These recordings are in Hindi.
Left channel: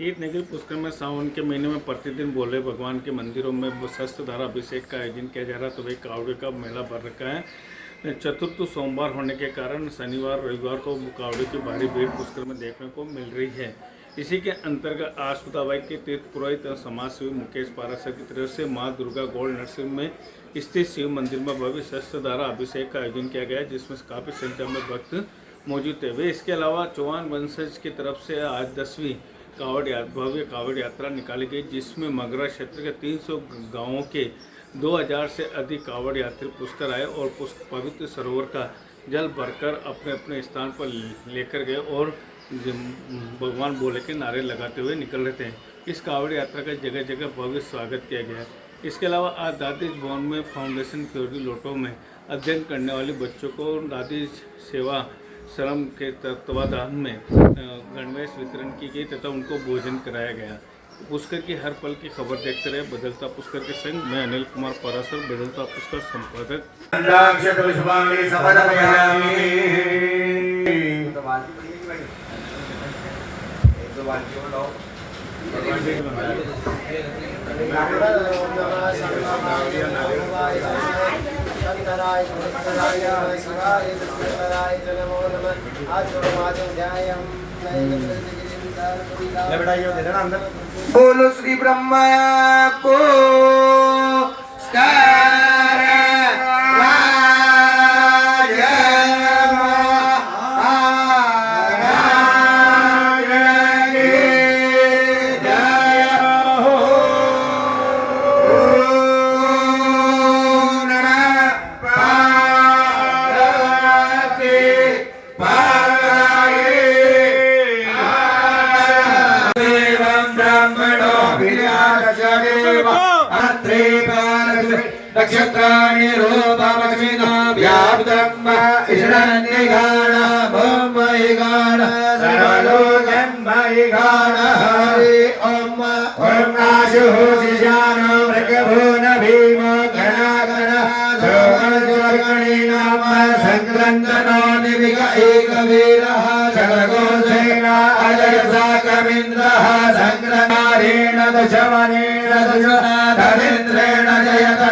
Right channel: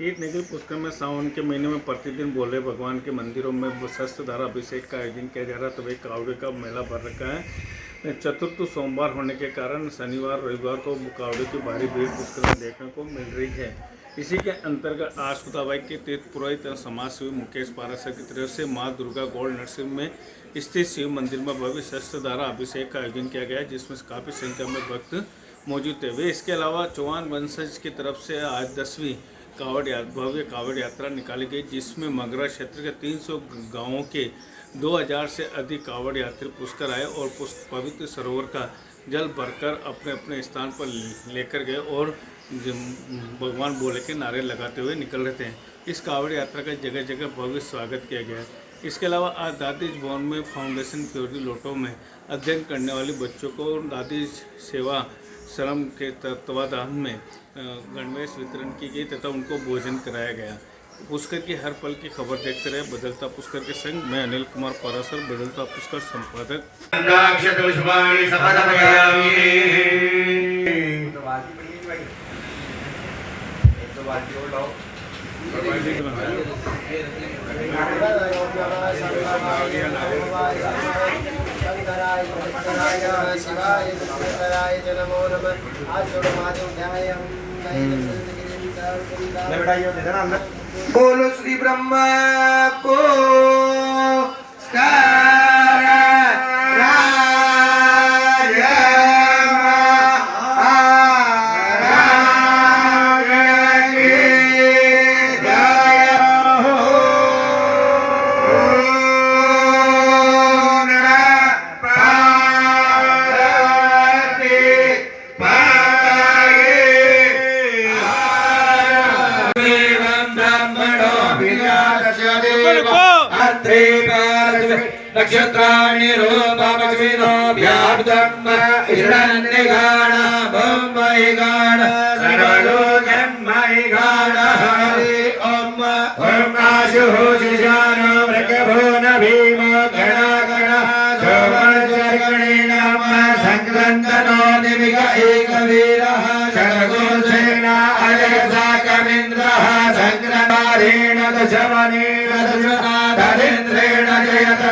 ईट निखिल पुष्कर में सावन के महीने में प्रतिदिन भोले भगवान के मंदिरों में शस्त्रधारा अभिषेक का आयोजन किया जा रहा है। तो वही कावड़े का मेला भर रखा है। चतुर्थ सोमवार होने के कारण शनिवार रविवार को कावड़े की भारी भीड़ पुष्कर में देखने को मिल रही है। इसी के अंतर्गत आज सुदाबाई के तीर्थ पुरोहित समाज सेवी मुकेश पारासर की तरफ से माँ दुर्गा गोल्ड नर्सरी में स्थित शिव मंदिर में भव्य शस्त्रधारा अभिषेक का आयोजन किया गया, जिसमें काफ़ी संख्या में भक्त मौजूद थे। वे इसके अलावा चौहान वंशज की तरफ से आज 10वीं भव्य कावड़ यात्रा निकाली गई, जिसमें मगरा क्षेत्र के 300 गांवों के 2000 से अधिक कावड़ यात्री पुष्कर आए और पवित्र सरोवर का जल भरकर अपने अपने स्थान पर लेकर गए और भगवान भोले के नारे लगाते हुए निकल रहे थे। इस कावड़ यात्रा का जगह जगह भव्य स्वागत किया गया। इसके अलावा आज दादीज भवन में फाउंडेशन फ्योरी लोटो में अध्ययन करने वाले बच्चों को दादीज सेवा श्रम के तत्वाधान में गणवेश वितरण की गई तथा उनको भोजन कराया गया। पुष्कर की हर पल की खबर देखते रहे बदलता पुष्कर के संग मैं अनिल कुमार पारासर, बदलता पुष्कर संपादक। शंकराय शिवाय नमो नमः। आज बोलो श्री ब्रह्मा को नक्षत्राणि रूपमक्षिणो व्याप्तम् ईशान्यगाण मुम्बईगाण सर्वलोकन्मयगाण हरि ओम ओम आशुः शिशानो मृगभून भीमो गणागण सोमचर्गणीनाम संक्रन्दनो निविग एकवीरः षड्गोसेन अजयसा कवीन्द्रः संक्रमारेण दशवनेन दशनाथेन्द्रेण जयत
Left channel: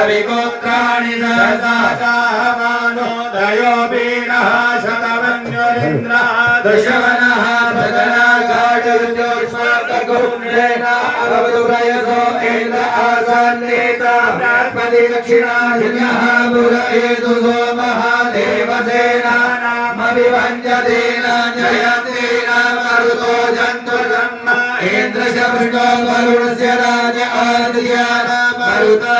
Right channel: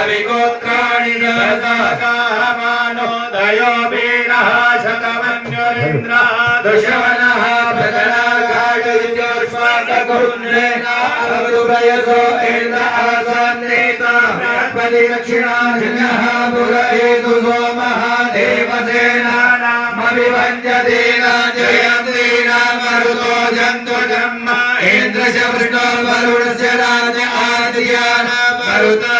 अभिगोत्राणि दशाकाहमानो दयो वीरः शतवन्यरेन्द्रः दशवनः प्रगणाघाटयोर्ष्वाटगौन्येन अवधुभयसो इन्द्र आसन्नेत बृहस्पति दक्षिणाधिनः मुरयेतु सोमः देवसेनानामभिभञ्जतेन जयन्तेन मरुतो जन्तु जन्म इन्द्रस्य वृष्णो वरुणस्य राज आदित्यानां मरुता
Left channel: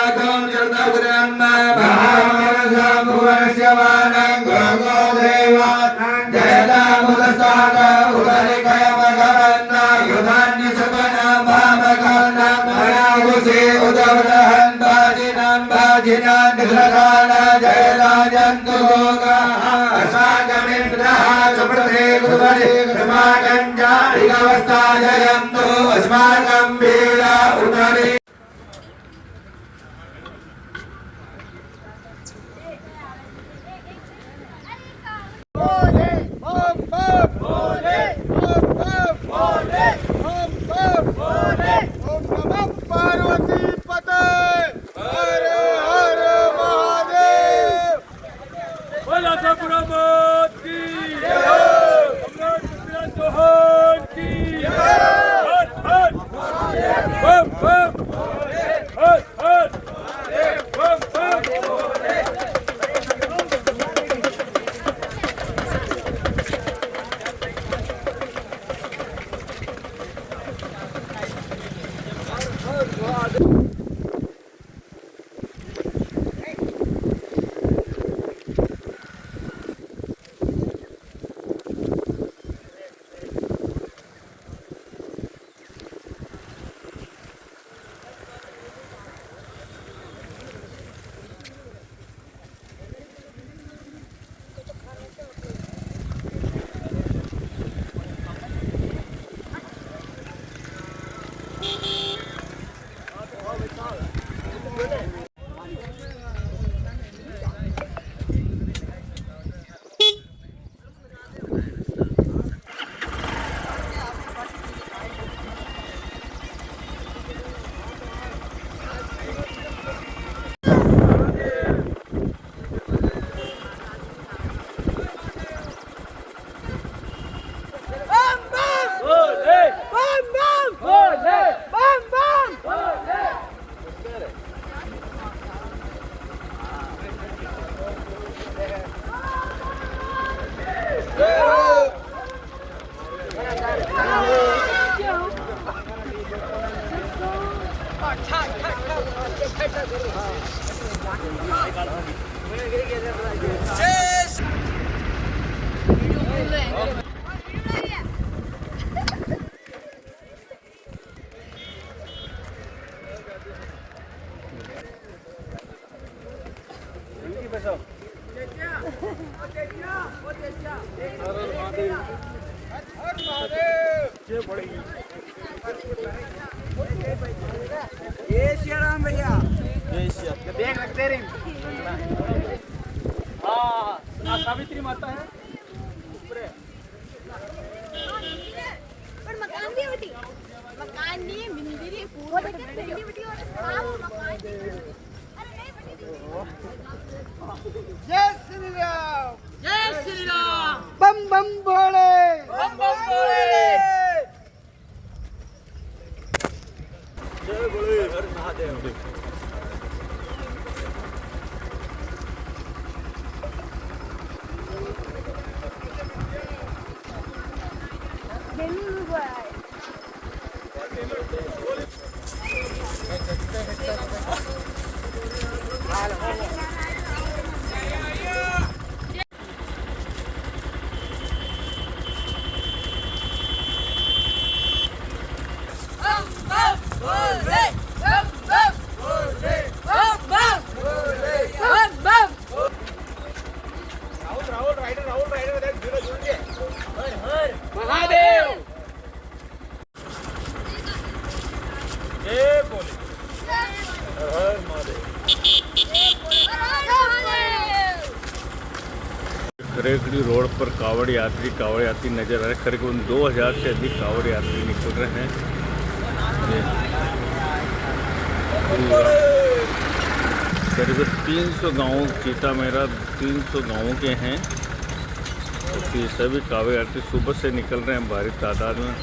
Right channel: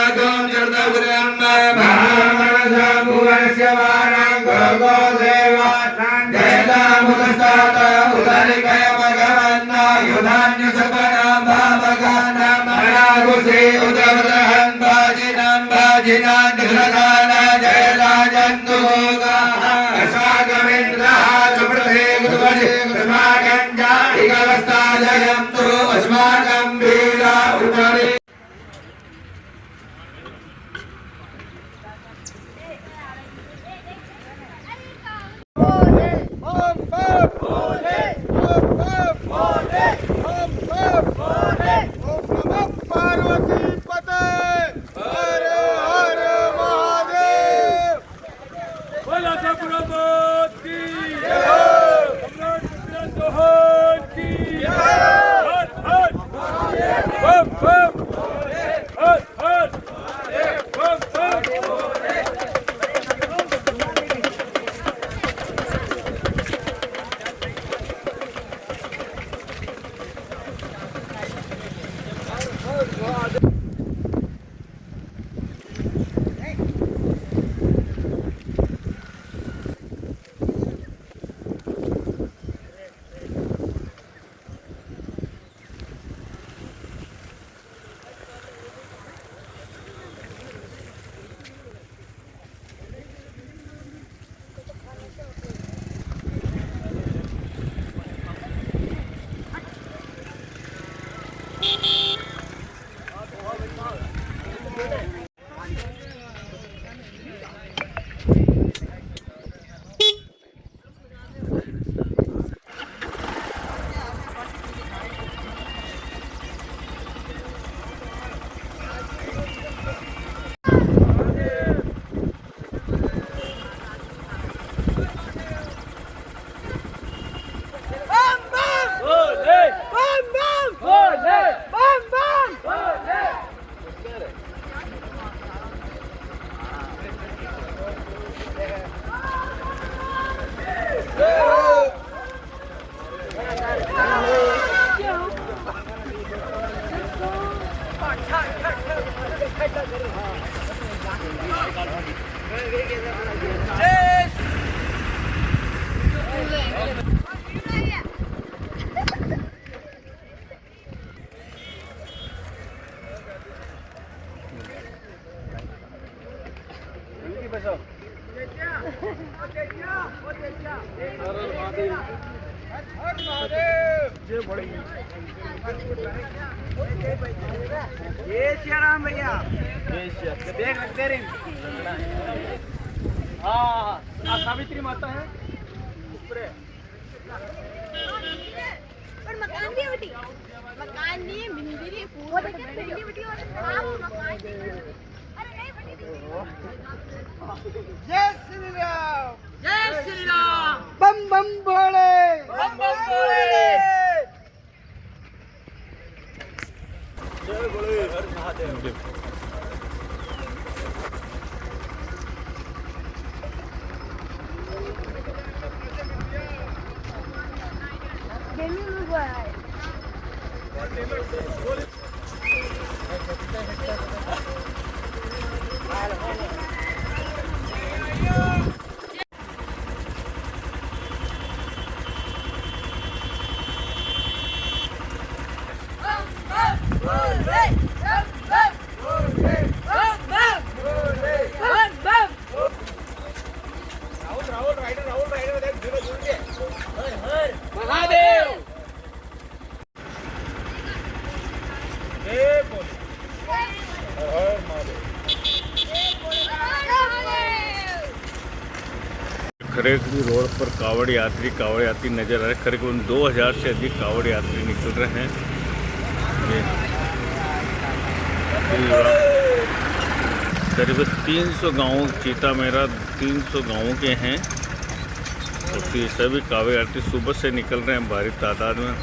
जय श्री राम भैया। देख लगते रिंग। सावित्री माता है। पर मकान भी होती, मकान नहीं है, मंदिर है, पूरा बिल्डिंग होती है। जय श्री राम। जय श्री राम। बम बम भोले। बम बम भोले। जय भोले हर महादेव। खरेखड़ी रोड पर कावड़ यात्री नजर आ रहे। करीबन 2000 से अधिक कावड़ यात्री निकल रहे हैं। करीबन 300 गाँव चीता मेरा 300 गाँवों के हैं। तो फिर सभी कावड़ यात्री सुबह से निकल रहे हैं भारी तादाद में।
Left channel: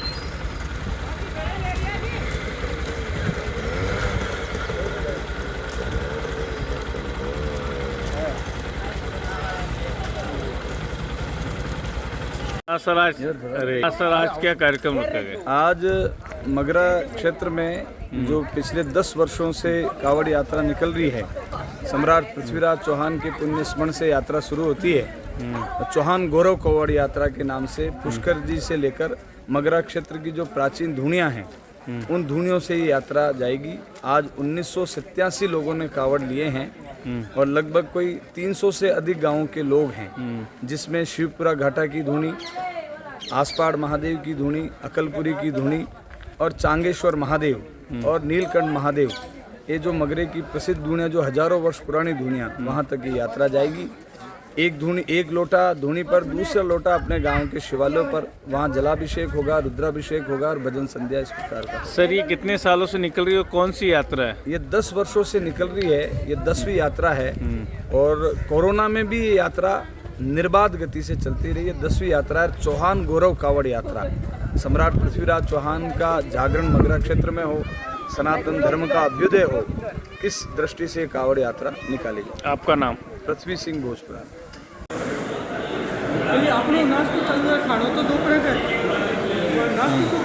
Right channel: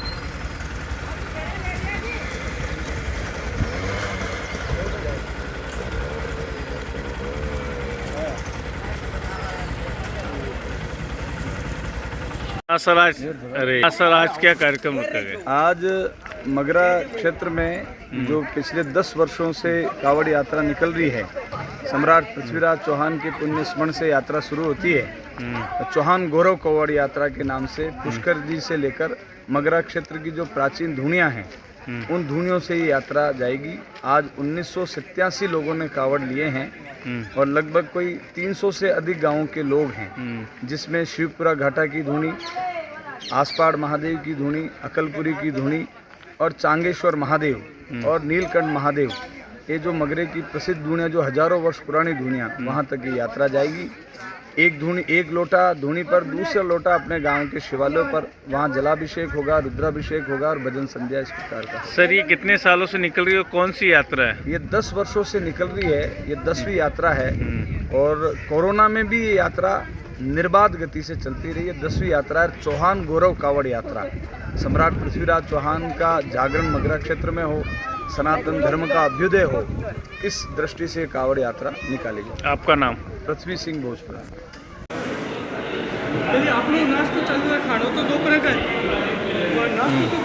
सर आज क्या कार्यक्रम रखा गया? आज मगरा क्षेत्र में जो पिछले 10 वर्षों से कावड़ यात्रा निकल रही है, सम्राट पृथ्वीराज चौहान के पुण्य स्मरण से यात्रा शुरू होती है। चौहान गौरव कावड़ यात्रा के नाम से पुष्कर जी से लेकर मगरा क्षेत्र की जो प्राचीन धुनियाँ हैं, उन धुनियों से ये यात्रा जाएगी। आज 1987 लोगों ने कावड़ लिए हैं और लगभग कोई 300 से अधिक गांवों के लोग हैं, जिसमें शिवपुरा घाटा की धुनी, आसपाड़ महादेव की धुनी, अकलपुरी की धुनी और चांगेश्वर महादेव और नीलकंठ महादेव, ये जो मगरे की प्रसिद्ध धुनियाँ जो हजारों वर्ष पुरानी धुनियाँ, वहाँ तक ये यात्रा जाएगी। एक धुनी, एक लोटा धुनी पर दूसरा लोटा अपने गांव के शिवालयों पर वहाँ जलाभिषेक होगा, रुद्राभिषेक होगा और भजन संध्या इस प्रकार का। सर ये कितने सालों से निकल रही है, कौन सी यात्रा है? ये 10 वर्षों से निकल रही है, ये 10वीं यात्रा है और कोरोना में भी ये यात्रा निर्बाध गति से चलती रही है। 10वीं यात्रा है चौहान गौरव कावड़ यात्रा। सम्राट पृथ्वीराज चौहान का जागरण मगरा क्षेत्र में हो, सनातन धर्म का अभ्युदय हो, इस दृष्टि से कावड़ यात्रा निकाली गई। आपका नाम? पृथ्वी सिंह भोजपुरा। अपनी नाश्ता चालू है, खाना तो दोपहर का नाश्ता तो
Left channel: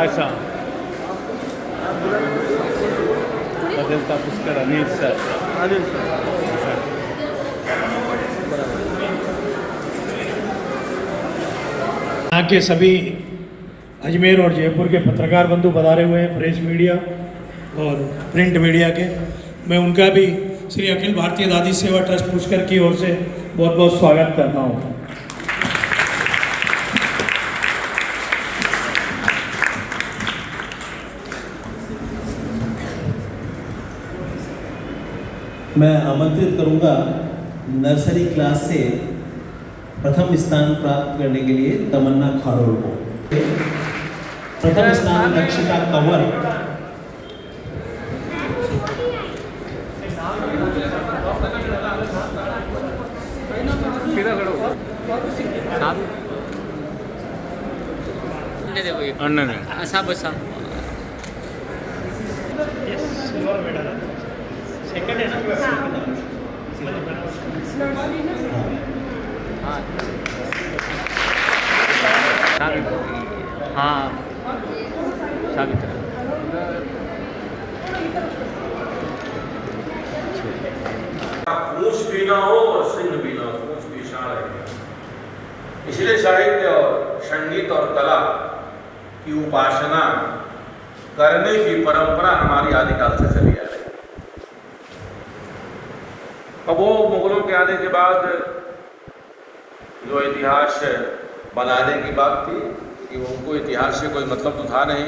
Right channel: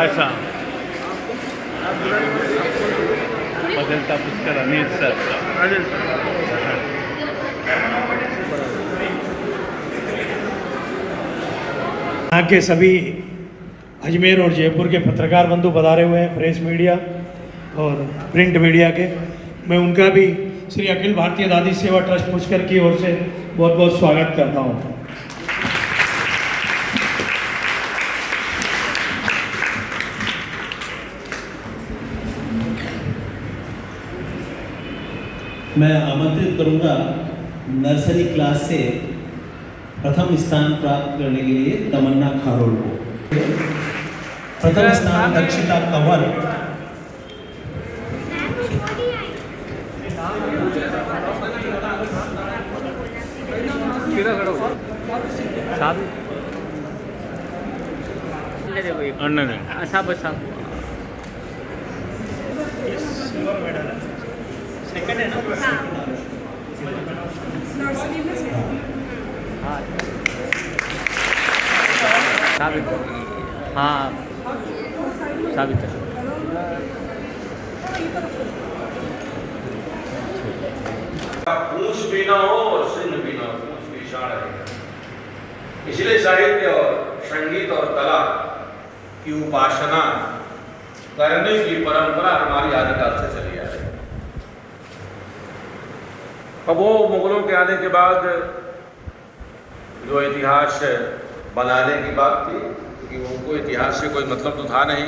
अच्छा। दलता पुष्कर अनिल सर अनिल सर यहाँ के सभी अजमेर और जयपुर के पत्रकार बंधु पधारे हुए हैं, प्रेस मीडिया और प्रिंट मीडिया के। मैं उनका भी श्री अखिल भारतीय दादी सेवा ट्रस्ट पुष्कर की ओर से बहुत बहुत स्वागत करता हूँ। मैं आमंत्रित करूंगा नर्सरी क्लास से प्रथम स्थान प्राप्त करने के लिए तमन्ना खारोल को। प्रथम स्थान दक्षिता कंवर, अन्ना ने पूंछ भी ना हो और सिंह भी ना हो, पूंछ भी शान रहेगा। इसलिए साहित्य और संगीत और कला की उपासना करने की परंपरा हमारी आदिकाल से चली आ रही है। अब वो मुगलों के आने के बाद जो इतिहास बनाने की बात थी कि उनको इतिहास से कोई मतलब तो था नहीं।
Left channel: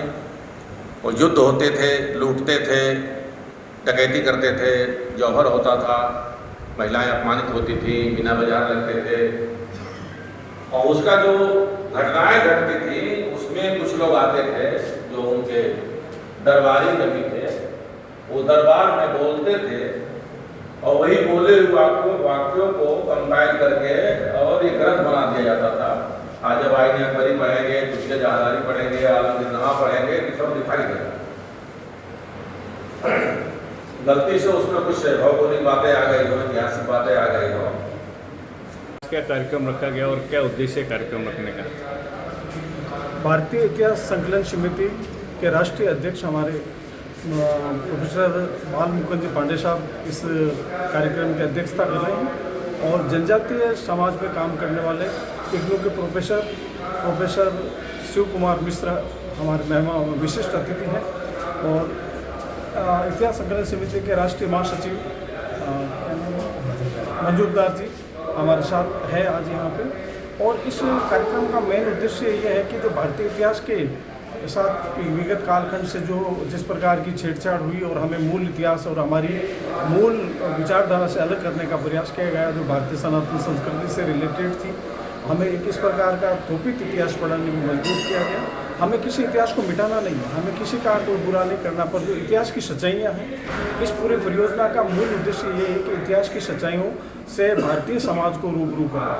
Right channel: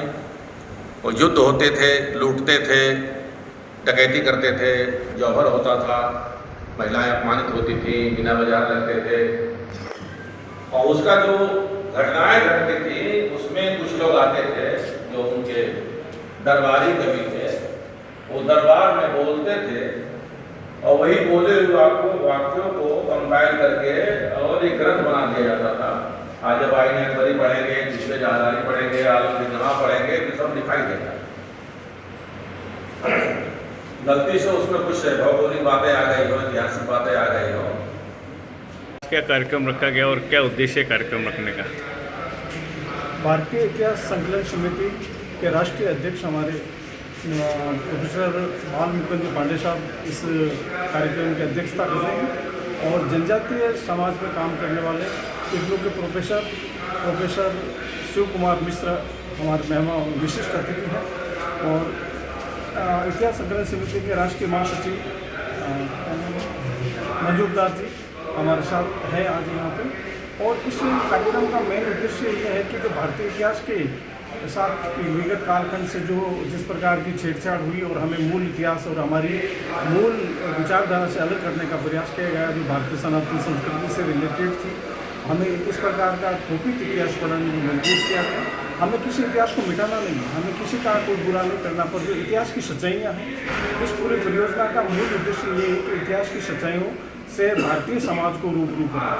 वो युद्ध होते थे, लूटते थे, डकैती करते थे, जौहर होता था, महिलाएं अपमानित होती थी, बिना बाजार लगते थे, और उसका जो घटनाएं घटती थी उसमें कुछ लोग आते थे जो उनके दरबारी कवि थे, वो दरबार में बोलते थे और वही बोले हुए वाक्यों को कंपाइल करके और एक ग्रंथ बना दिया जाता था। आज जब आईने अकबरी पढ़ेंगे, दूसरे जहादारी पढ़ेंगे, आलमगीरनामा पढ़ेंगे तो सब दिखाई देगा। गलती से उसमें कुछ भौगोलिक बातें आ गई हो, ऐतिहासिक बातें आ गई हो। क्या कार्यक्रम रखा गया और क्या उद्देश्य है कार्यक्रम रखने का? भारतीय इतिहास संकलन समिति के राष्ट्रीय अध्यक्ष हमारे प्रोफेसर बाल मुकुंद पांडे साहब इस कार्यक्रम की अध्यक्षता कर रहे हैं और जनजातीय समाज में काम करने वाले इग्नू के प्रोफेसर शिव कुमार मिश्रा हमारे मेहमान विशिष्ट अतिथि हैं और इतिहास संकलन समिति के राष्ट्रीय महासचिव मंजूरदार जी हमारे साथ है आज यहाँ पे। और इस कार्यक्रम का मेन उद्देश्य यह है कि जो भारतीय इतिहास के साथ विगत कालखंड से जो जिस प्रकार की छेड़छाड़ हुई और हमें मूल इतिहास और हमारी मूल विचारधारा से अलग करने का प्रयास किया गया, जो भारतीय सनातन संस्कृति से रिलेटेड थी, हमें एक इस प्रकार का थोपित इतिहास पढ़ाने में मजबूर किया गया। हमें किसी इतिहास को मिटाना नहीं है, हमें किसी का कोई बुरा नहीं करना, पर जो इतिहास की सच्चाइयाँ हैं, इस पूरे परियोजना का मूल उद्देश्य ये है कि इतिहास की सच्चाइयों से भारतीय समाज को रूबरू करना।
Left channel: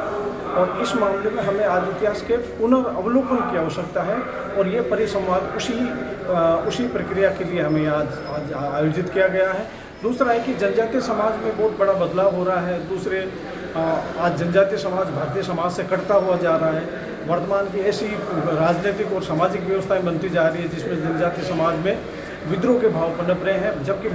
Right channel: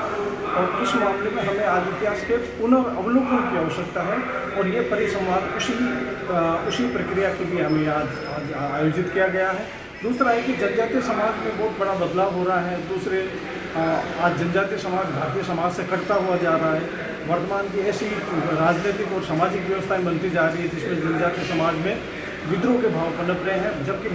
और इस मामले में हमें आज इतिहास के पुनर्वलोकन की आवश्यकता है और ये परिसंवाद उसी प्रक्रिया के लिए हमें आज आयोजित किया गया है। दूसरा है कि जनजातीय समाज में बहुत बड़ा बदलाव हो रहा है। आज जनजातीय समाज भारतीय समाज से कटता हुआ जा रहा है। वर्तमान की ऐसी राजनीतिक और सामाजिक व्यवस्थाएं बनती जा रही है जिसमें जनजातीय समाज में विद्रोह के भाव पनप रहे हैं, जबकि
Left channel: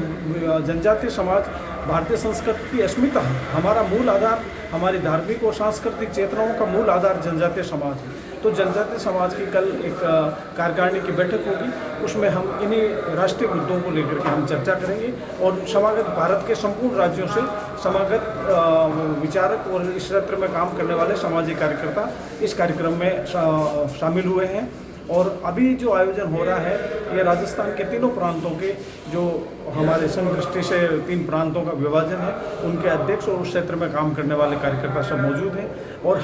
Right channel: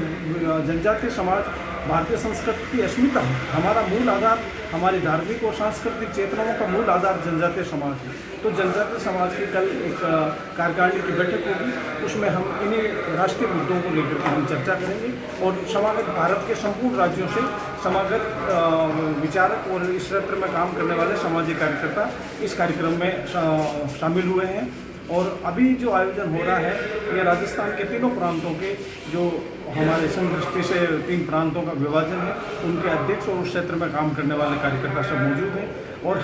जनजातीय समाज भारतीय संस्कृति की अस्मिता है। हमारा मूल आधार, हमारी धार्मिक और सांस्कृतिक चेतनाओं का मूल आधार जनजातीय समाज है। तो जनजातीय समाज की कल एक कार्यकारिणी की बैठक होगी, उसमें हम इन्हीं राष्ट्रीय मुद्दों को लेकर के हम चर्चा करेंगे और समागत भारत के संपूर्ण राज्यों से समागत विचारक और इस क्षेत्र में काम करने वाले सामाजिक कार्यकर्ता इस कार्यक्रम में शामिल हुए हैं। और अभी जो आयोजन हो रहा है ये राजस्थान के तीनों प्रांतों के जो हमारे संघ दृष्टि से 3 प्रांतों का विभाजन है, उनके अध्यक्ष और उस क्षेत्र में काम करने वाले कार्यकर्ता सब मौजूद हैं। और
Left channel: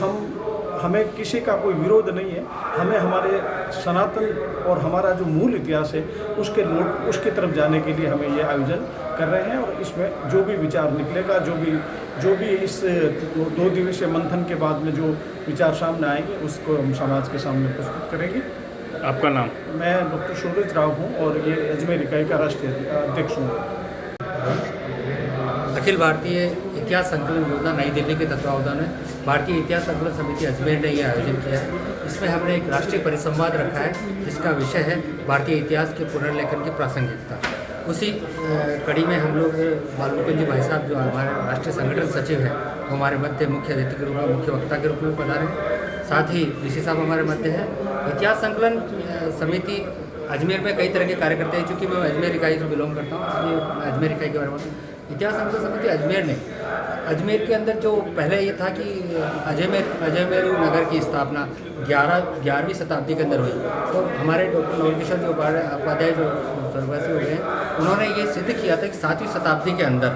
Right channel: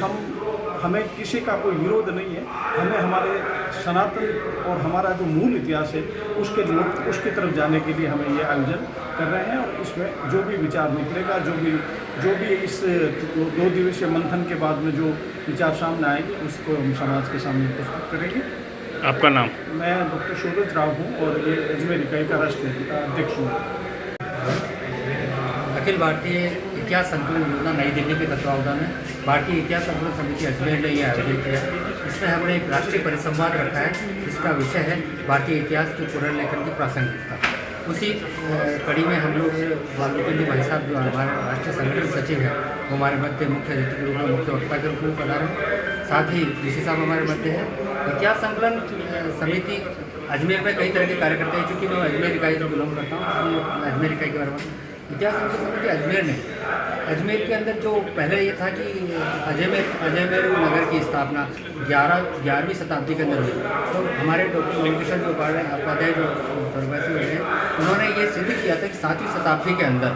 हमें किसी का कोई विरोध नहीं है, हमें हमारे सनातन और हमारा जो मूल इतिहास है उसके तरफ जाने के लिए हमें ये आयोजन कर रहे हैं। और इसमें जो भी विचार निकलेगा, जो भी इस 2 दिवसीय मंथन के बाद में जो विचार सामने आएंगे उसको हम समाज के सामने प्रस्तुत करेंगे। आपका नाम? मैं डॉक्टर सूरज राव हूँ और ये अजमेर इकाई का राष्ट्रीय अध्यक्ष हूँ। अखिल भारतीय इतिहास संकलन योजना नई दिल्ली के तत्वावधान में भारतीय इतिहास संकलन समिति अजमेर ने यह आयोजन किया है। इसमें हमने एक राष्ट्रीय परिसंवाद रखा है जिसका विषय है भारतीय इतिहास के पुनर्लेखन की प्रासंगिकता। उसी कड़ी में हम लोग बालमुकुंद जी भाई साहब जो हमारे राष्ट्रीय संगठन सचिव हैं वो हमारे मध्य मुख्य अतिथि के रूप में, मुख्य वक्ता के रूप में पधारे हैं। साथ ही डीसी साहब हमारे मध्य हैं। इतिहास संकलन समिति अजमेर में कई तरह के कार्य करते हैं, चूँकि मैं अजमेर इकाई से बिलोंग करता हूँ इसलिए मैं अजमेर इकाई के बारे में। इतिहास संकलन समिति अजमेर के अंदर जो पहले ये था कि अजमेर नगर की स्थापना 11वीं शताब्दी के अंदर हुई। तो हमारे डॉक्टर नवलकिशोर जो उपाध्याय जो स्वर्गवासी हो गए हैं, उन्होंने ये सिद्ध किया था कि 7वीं शताब्दी के अंदर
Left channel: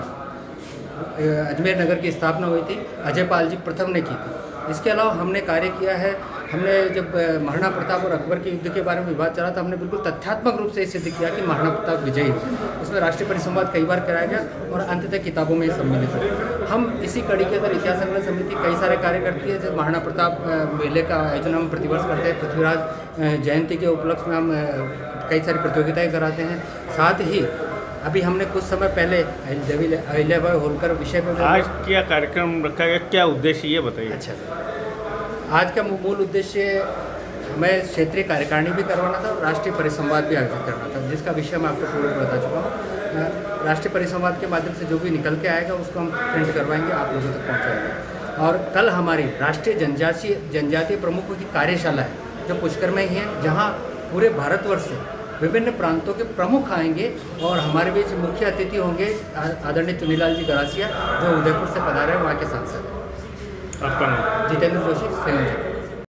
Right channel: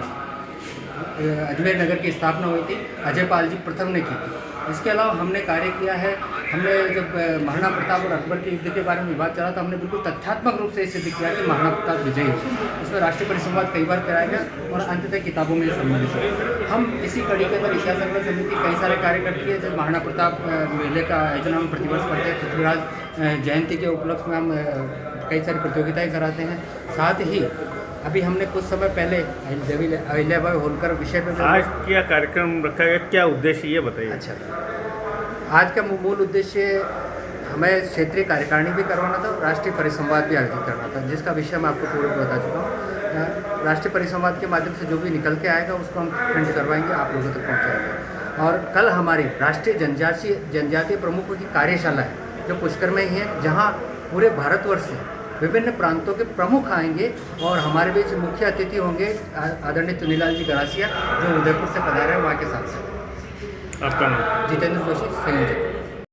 अजमेर नगर की स्थापना हुई थी, अजयपाल जी प्रथम ने की थी। इसके अलावा हमने कार्य किया है, हमने जब महाराणा प्रताप और अकबर के युद्ध के बारे में विवाद चला तो हमने बिल्कुल तथ्यात्मक रूप से सिद्ध किया कि महाराणा प्रताप विजयी है। इसमें राष्ट्रीय परिसंवाद कई बार कराया गया और अंततः किताबों में सम्मिलित हुए। हम इसी कड़ी के अंदर इतिहास संकलन समिति कई सारे कार्य करती है। जैसे महाराणा प्रताप मेले का आयोजन हम प्रतिवर्ष करते हैं, पृथ्वीराज जयंती के उपलक्ष्य में हम कई सारी प्रतियोगिताएँ कराते हैं। साथ ही अभी हमने कुछ समय पहले अहिल्याबाई होलकर विषय पर आज क्या कार्यक्रम रखा गया, क्या उद्देश्य ये बताइए। अच्छा, आज का मूल उद्देश्य हमें क्षेत्रीय कार्यकारिणी भी करवाना था और राष्ट्रीय परिसंवाद भी आयोजित करना था, जिसका विषय मैं आपको पूर्व बता चुका हूँ। राष्ट्रीय परिसंवाद के माध्यम से जो भी निकल के आएगा उसको हम प्रिंट करवाएंगे, आप लोगों तक पहुँचाएंगे। और कल हमारी राष्ट्रीय जनजातीय प्रमुखों की कार्यशाला है जो पुष्कर में ही है, जहाँ पूरे भारतवर्ष से विभिन्न प्रांतों के प्रमुख आएंगे और हमारे बीच मुख्य अतिथि होंगे आदरणीय चुनीलाल जी गरासिया जो उदयपुर से पधारे हैं, वहाँ के सांसद। आपका नाम? जितेंद्र जोशी, संयोजक।